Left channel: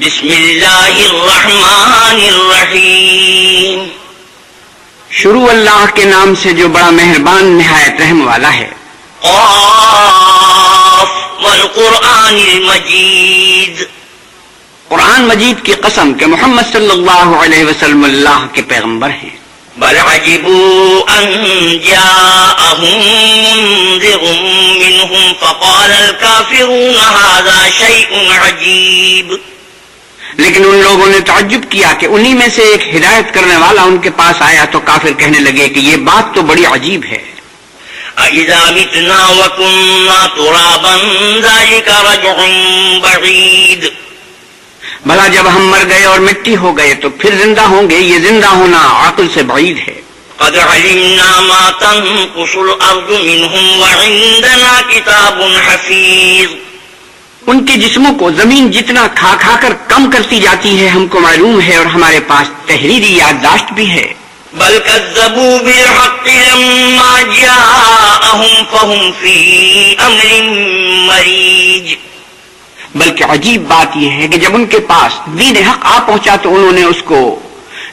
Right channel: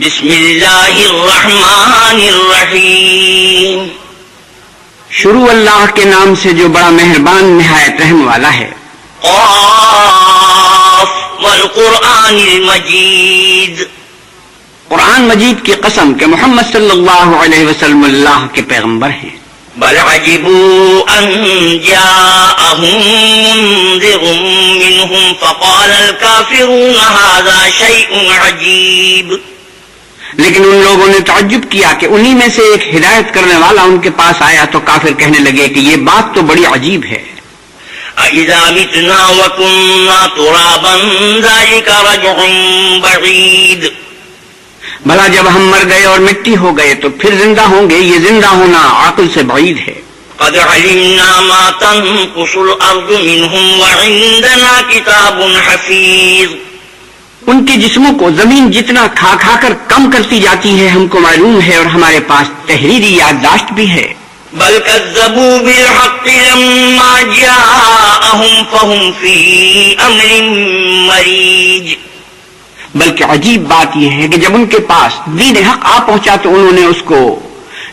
بسم اللہ الرحمن الرحیم، شروع اللہ کے نام سے جو بڑا مہربان نہایت رحم والا ہے۔ قاف والقرآن المجید، قرآن مجید کی قسم کہ محمد صلی اللہ علیہ وسلم اللہ کے پیغمبر ہیں۔ بل عجبوا ان جاءهم منذر منهم فقال الكافرون هذا شيء عجیب، لیکن ان لوگوں نے تعجب کیا کہ انہی میں سے ایک ہدایت کرنے والا ان کے پاس آیا تو کافر کہنے لگے کہ یہ بات تو بڑی عجیب ہے۔ اذا متنا وكنا ترابا ذلك رجع بعید، بھلا جب ہم مر گئے اور مٹی ہو گئے تو پھر زندہ ہوں گے، یہ زندہ ہونا عقل سے بعید ہے۔ قد علمنا ما تنقص الارض منهم وعندنا کتاب حفیظ، ان کے جسموں کو زمین جتنا کھا کھا کر کم کرتی جاتی ہے ہم کو معلوم ہے، اور ہمارے پاس تحریری یادداشت بھی ہے۔ بل كذبوا بالحق لما جاءهم فهم في امر مریج، بلکہ عجیب بات یہ ہے کہ جب ان کے پاس دین حق آ پہنچا تو انہوں نے اس کو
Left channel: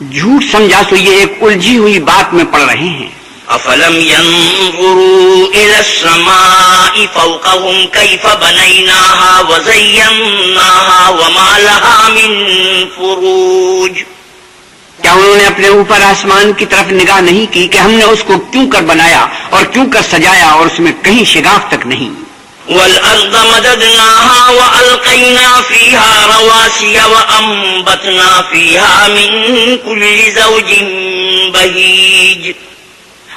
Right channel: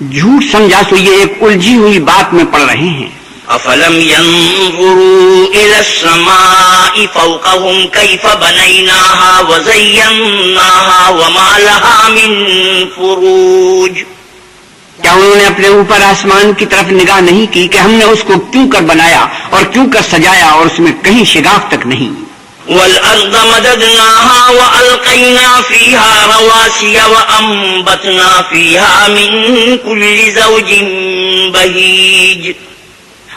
جھوٹ سمجھا، تو یہ ایک الجھی ہوئی بات میں پڑ رہے ہیں۔ افلم ينظروا الى السماء فوقهم كيف بنيناها وزيناها وما لها من فروج، کیا انہوں نے اپنے اوپر آسمان کی طرف نگاہ نہیں کی کہ ہم نے اس کو کیوں کر بنایا اور کیوں کر سجایا اور اس میں کہیں شگاف تک نہیں۔ والارض مددناها والقينا فيها رواسي وانبتنا فيها من كل زوج بهيج،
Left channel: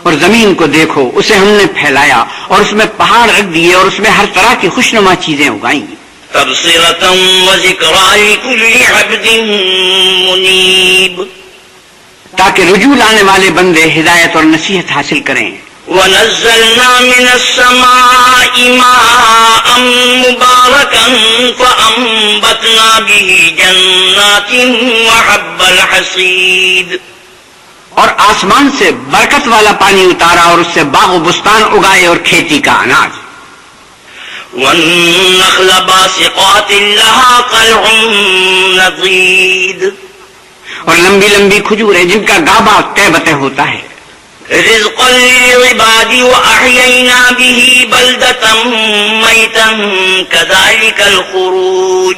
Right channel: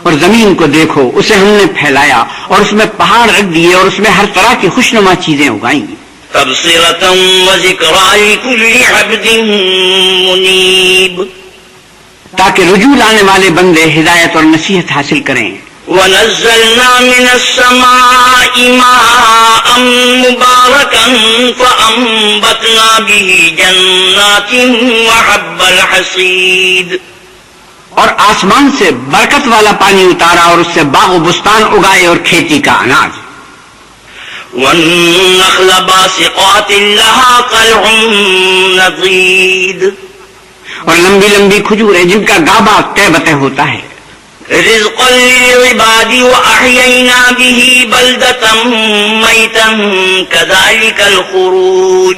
اور زمین کو دیکھو، اسے ہم نے پھیلایا اور اس میں پہاڑ رکھ دیے اور اس میں ہر طرح کی خوشنما چیزیں اگائیں، تبصرة وذكرى لكل عبد منيب، تاکہ رجوع لانے والے بندے ہدایت اور نصیحت حاصل کریں۔ ونزلنا من السماء ماء مباركا فأنبتنا به جنات وحب الحصيد، اور آسمان سے برکت والا پانی اتارا اور اس سے باغ و بستان اگائے اور کھیتی کا اناج۔ والنخل باسقات لها طلع نضيد، اور لمبی لمبی کھجوریں جن کا گابا تہ بتہ ہوتا ہے۔ رزقا للعباد وأحيينا به بلدة ميتا كذلك الخروج،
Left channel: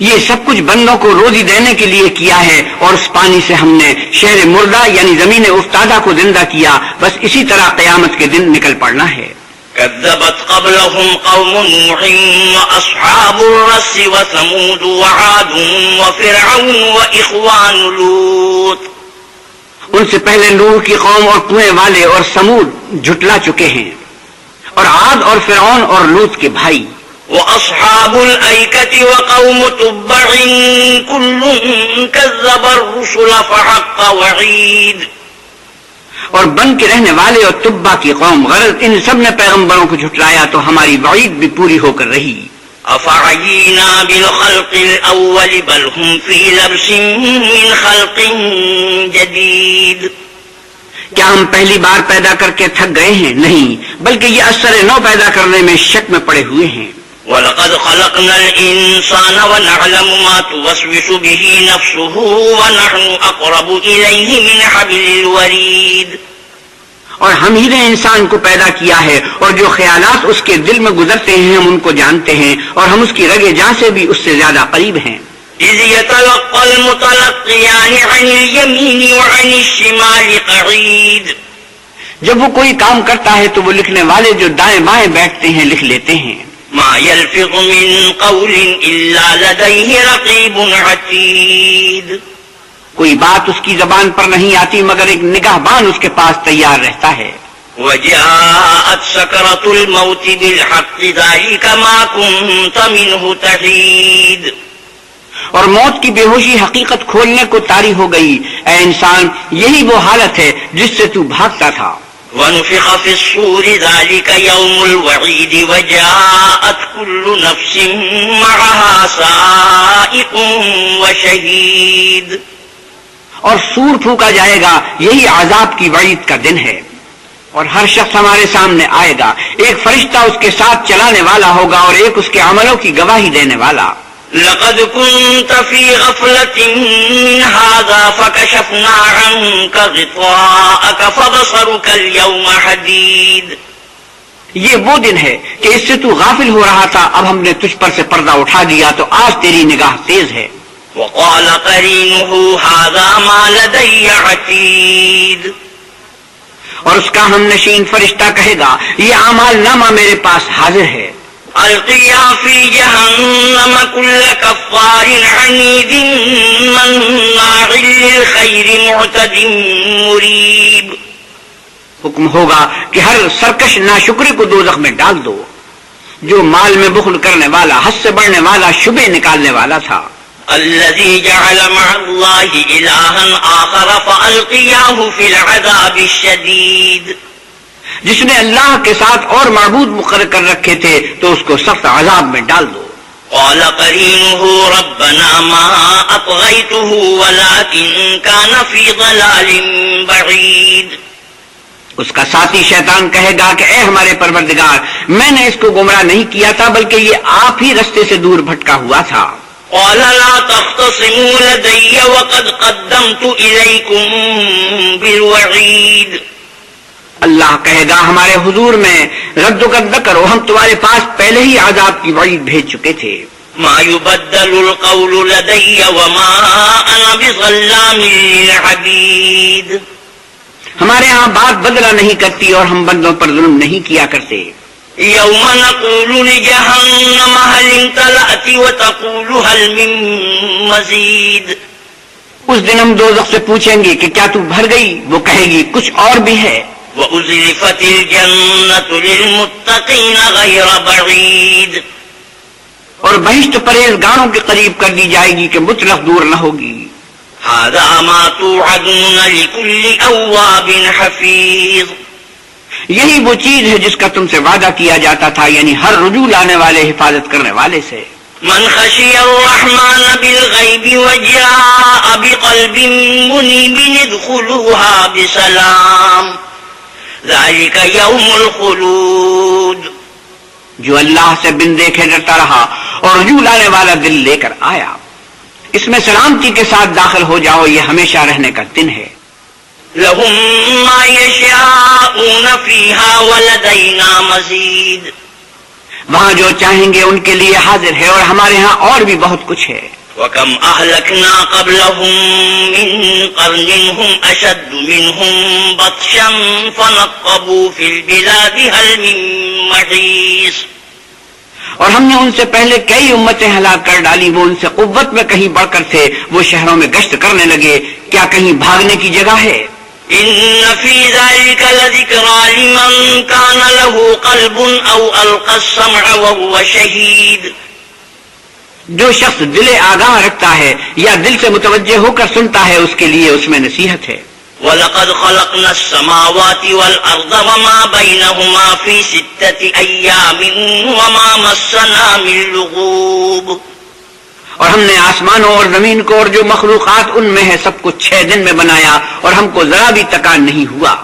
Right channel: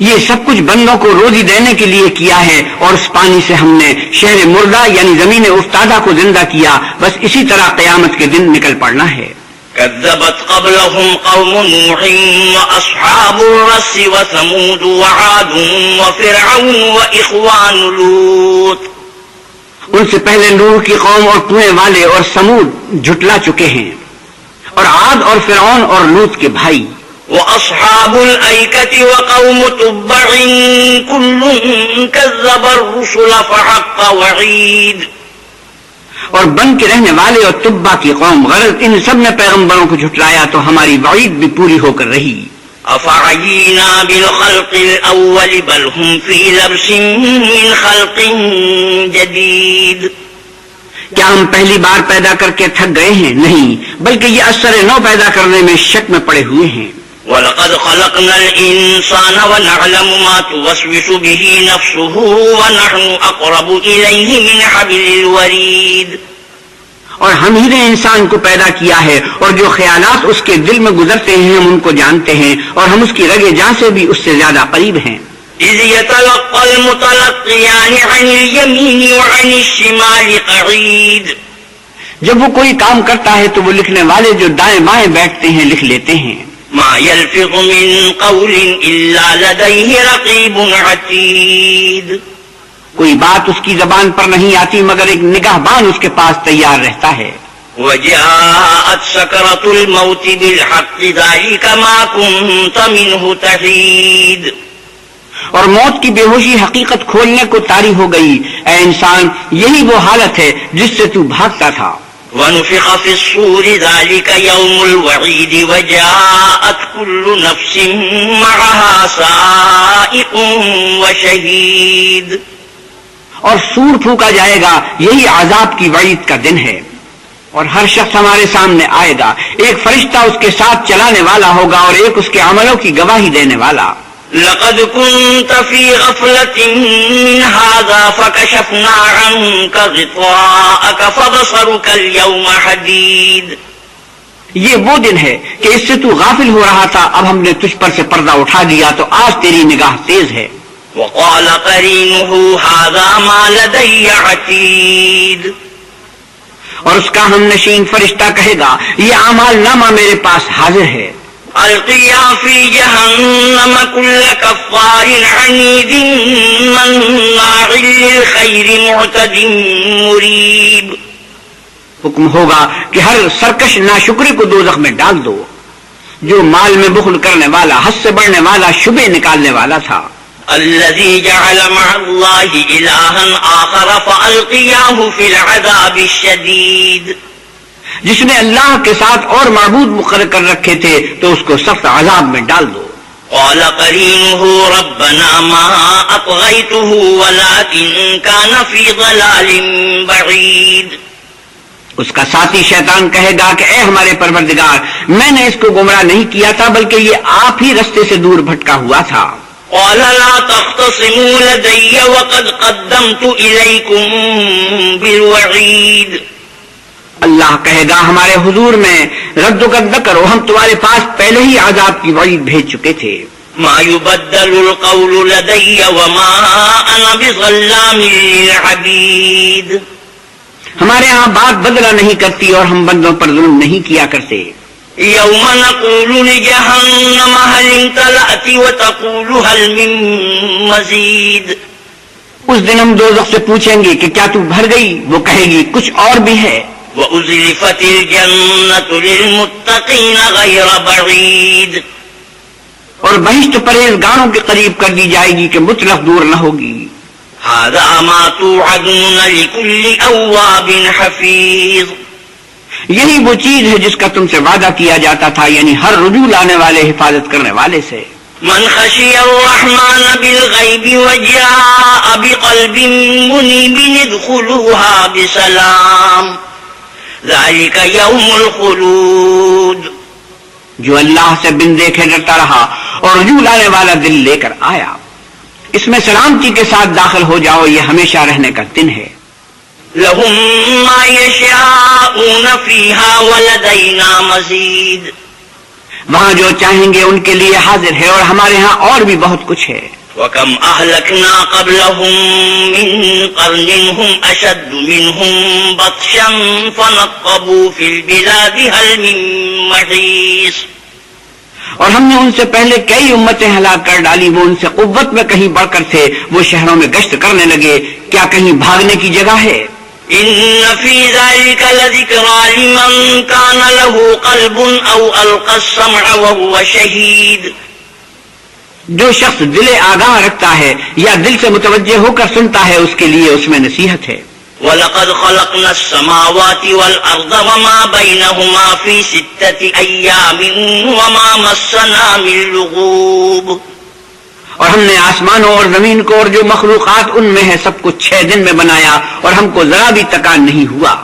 یہ سب کچھ بندوں کو روزی دینے کے لیے کیا ہے، اور اس پانی سے ہم نے شہر مردہ یعنی زمین افتادہ کو زندہ کیا، بس اسی طرح قیامت کے دن نکل پڑنا ہے۔ كذبت قبلهم قوم نوح وأصحاب الرس وثمود وعاد وفرعون وإخوان لوط، ان سے پہلے نوح کی قوم اور کنویں والے اور سمود جھٹلا چکے ہیں، اور عاد اور فرعون اور لوط کے بھائی، وأصحاب الأيكة وقوم تبع كل كذب الرسل فحق وعيد، اور بن کے رہنے والے اور تبا کی قوم، غرض ان سب نے پیغمبروں کو جھٹلایا تو ہماری وعید بھی پوری ہو کر رہی۔ أفعينا بالخلق الأول بل هم في لبس من خلق جديد، کیا ہم پہلی بار پیدا کر کے تھک گئے ہیں؟ نہیں، بلکہ یہ اثر نو پیدا کرنے میں شک میں پڑے ہوئے ہیں۔ وَلَقَدْ خَلَقْنَا الْإِنسَانَ وَنَعْلَمُ مَا تُوَسْوِسُ بِهِ نَفْسُهُ وَنَحْنُ أَقْرَبُ إِلَيْهِ مِنْ حَبْلِ الْوَرِيدِ، اور ہم ہی نے انسان کو پیدا کیا ہے، اور جو خیالات اس کے دل میں گزرتے ہیں ہم ان کو جانتے ہیں، اور ہم اس کی رگ جاں سے بھی اس سے زیادہ قریب ہیں۔ إِذْ يَتَلَقَّى الْمُتَلَقِّيَانِ عَنِ الْيَمِينِ وَعَنِ الشِّمَالِ قَعِيدٌ، جب وہ کوئی کام کرتا ہے تو وہ لکھنے والے جو دائیں بائیں بیٹھتے ہیں لکھ لیتے ہیں۔ مَا يَلْفِظُ مِنْ قَوْلٍ إِلَّا لَدَيْهِ رَقِيبٌ عَتِيدٌ، کوئی بات اس کی زبان پر نہیں آتی مگر ایک نگہبان اس کے پاس تیار رہتا ہے۔ وَجَاءَتْ سَكْرَةُ الْمَوْتِ بِالْحَقِّ ذَلِكَ مَا كُنْتَ مِنْهُ تَحِيدُ، اور موت کی بے ہوشی حقیقت کھولنے کو طاری ہو گئی، اے انسان یہی وہ حالت ہے جس سے تو بھاگتا تھا۔ وَنُفِخَ فِي الصُّورِ ذَلِكَ يَوْمُ الْوَعِيدِ وَجَاءَتْ كُلُّ نَفْسٍ مَعَهَا سَائِقٌ وَشَهِيدٌ، اور سور پھونکا جائے گا، یہی عذاب کی وعید کا دن ہے، اور ہر شخص ہمارے سامنے آئے گا، ایک فرشتہ اس کے ساتھ چلانے والا ہوگا اور ایک اس کے عملوں کی گواہی دینے والا۔ لقد كنت في غفلة من هذا فكشفنا عنك غطاءك فبصرك اليوم حديد. یہ وہ دن ہے کہ اس سے تو غافل ہو رہا تھا، اب ہم نے تجھ پر سے پردہ اٹھا دیا تو آج تیری نگاہ تیز ہے. وقال قرينه هذا ما لدي عتيد. اور اس کا ہم نشین فرشتہ کہے گا یہ اعمال نامہ میرے پاس حاضر ہے. القيا في جهنم كل كفار عنيد مناع للخير معتد مريب. حکم ہوگا کہ ہر سرکش ناشکری کو دوزخ میں ڈال دو، جو مال میں بخل کرنے والا، حد سے بڑھنے والا، شبے نکالنے والا تھا. الذي جعل مع الله إلها آخر فألقياه في العذاب الشديد. جس نے اللہ کے ساتھ اور معبود مقرر کر رکھے تھے تو اس کو سخت عذاب میں ڈال دو. قال قرينه ربنا ما أطغيته ولكن كان في ضلال بعيد. اس کا ساتھی شیطان کہے گا کہ اے ہمارے پروردگار، میں نے اس کو گمراہ نہیں کیا تھا بلکہ یہ آپ ہی رستے سے دور بھٹکا ہوا تھا. قال لا تختصموا لدي وقد قدمت إليكم بالوعيد. اللہ کہے گا ہمارے حضور میں رد و قد نہ کرو، ہم تمہارے پاس پہلے ہی عذاب کی وعید بھیج چکے تھے. ما يبدل القول لدي وما أنا بظلام للعبيد. ہمارے ہاں بات بدلا نہیں کرتی اور ہم بندوں پر ظلم نہیں کیا کرتے. يوم نقول لجهنم هل امتلأت وتقول هل من مزيد. اس دن ہم دوزخ سے پوچھیں گے کہ کیا تو بھر گئی، وہ کہے گی کچھ اور بھی ہے. وأزلفت الجنة للمتقين غير بعيد. اور بہشت پرہیزگاروں کے قریب کر دی جائے گی کہ مطلق دور نہ ہوگی. هذا ما توعدون لكل أواب حفيظ. یہی وہ چیز ہے جس کا تم سے وعدہ کیا جاتا تھا، یعنی ہر رجوع لانے والے، حفاظت کرنے والے سے. من خشي الرحمن بالغيب وجاء بقلب منيب ادخلوها بسلام ذلك يوم الخلود. جو اللہ سے بن دیکھے ڈرتا رہا اور رجوع لانے والا دل لے کر آیا، اس میں سلامتی کے ساتھ داخل ہو جاؤ، یہ ہمیشہ رہنے کا دن ہے. لهم ما يشاءون فيها ولدينا مزيد. وہاں جو چاہیں گے ان کے لیے حاضر ہے اور ہمارے ہاں اور بھی بہت کچھ ہے. وكم أهلكنا قبلهم من قرن هم أشد منهم بطشا فنقبوا في البلاد هل من محيص. اور ہم نے ان سے پہلے کئی امتیں ہلاک کر ڈالی، وہ ان سے قوت میں کہیں بڑھ کر تھے، وہ شہروں میں گشت کرنے لگے، کیا کہیں بھاگنے کی جگہ ہے؟ إن في ذلك لذكرى لمن كان له قلب أو ألقى السمع وهو شهيد. جو شخص دل آگاہ رکھتا ہے یا دل سے متوجہ ہو کر سنتا ہے، اس کے لیے اس میں نصیحت ہے. وَلَقَدْ خَلَقْنَا السَّمَاوَاتِ وَالْأَرْضَ وَمَا بَيْنَهُمَا فِي 6 أَيَّامٍ وَمَا مَسَّنَا مِن لُغُوبٍ. اور ہم نے آسمانوں اور زمین کو اور جو مخلوقات ان میں ہے سب کو 6 دن میں بنایا اور ہم کو ذرا بھی تکان نہیں ہوا.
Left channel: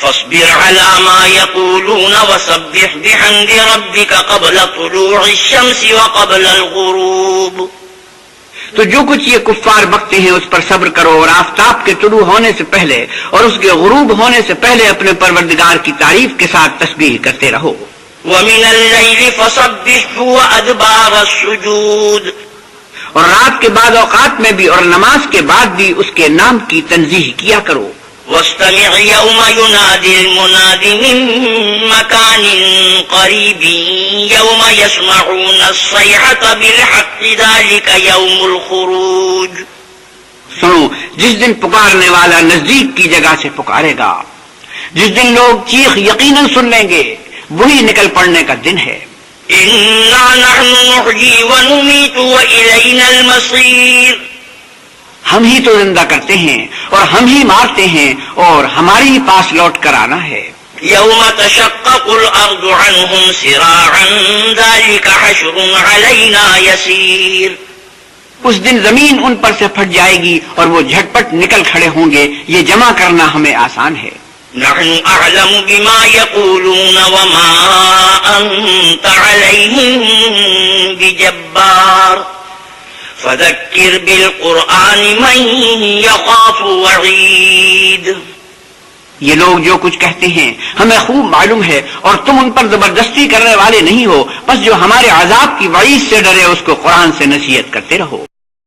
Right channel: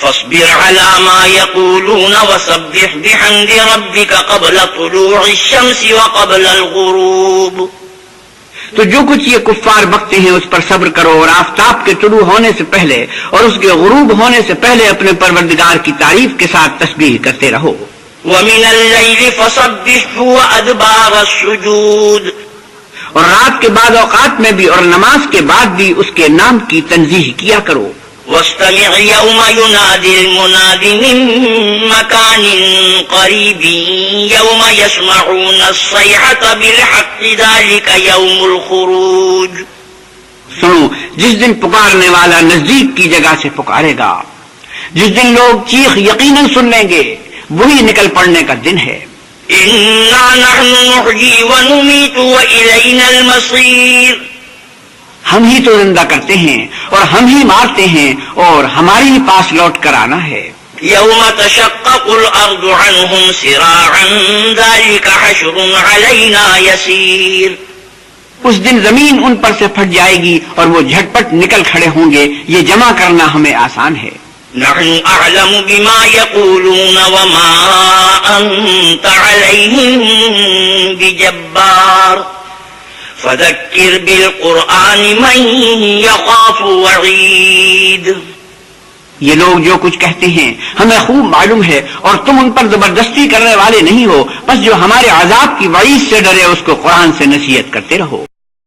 فاصبر على ما يقولون وسبح بحمد ربك قبل طلوع الشمس وقبل الغروب. تو جو کچھ یہ کفار بکتے ہیں اس پر صبر کرو اور آفتاب کے طلوع ہونے سے پہلے اور اس کے غروب ہونے سے پہلے اپنے پروردگار کی تعریف کے ساتھ تسبیح کرتے رہو. ومن الليل فسبحه وأدبار السجود. اور رات کے بعد اوقات میں بھی اور نماز کے بعد بھی اس کے نام کی تنزیہ کیا کرو. واستمع يوم ينادي المناد من مكان قريب يوم يسمعون الصيحة بالحق ذلك يوم الخروج. سنو، جس دن پکارنے والا نزدیک کی جگہ سے پکارے گا، جس دن لوگ چیخ یقیناً سن لیں گے، وہی نکل پڑنے کا دن ہے. إنا نحن نحيي ونميت وإلينا المصير. ہم ہی تو زندہ کرتے ہیں اور ہم ہی مارتے ہیں اور ہمارے ہی پاس لوٹ کر آنا ہے. يوم تشقق الأرض عنهم سراعا ذلك حشر علينا يسير. اس دن زمین ان پر سے پھٹ جائے گی اور وہ جھٹپٹ نکل کھڑے ہوں گے، یہ جمع کرنا ہمیں آسان ہے. نحن أعلم بما يقولون وما أنت عليهم بجبار. فذكر بالقرآن من يخاف وعيد. یہ لوگ جو کچھ کہتے ہیں ہمیں خوب معلوم ہے اور تم ان پر زبردستی کرنے والے نہیں ہو، بس جو ہمارے عذاب کی وعید سے ڈرے اس کو قرآن سے نصیحت کرتے رہو.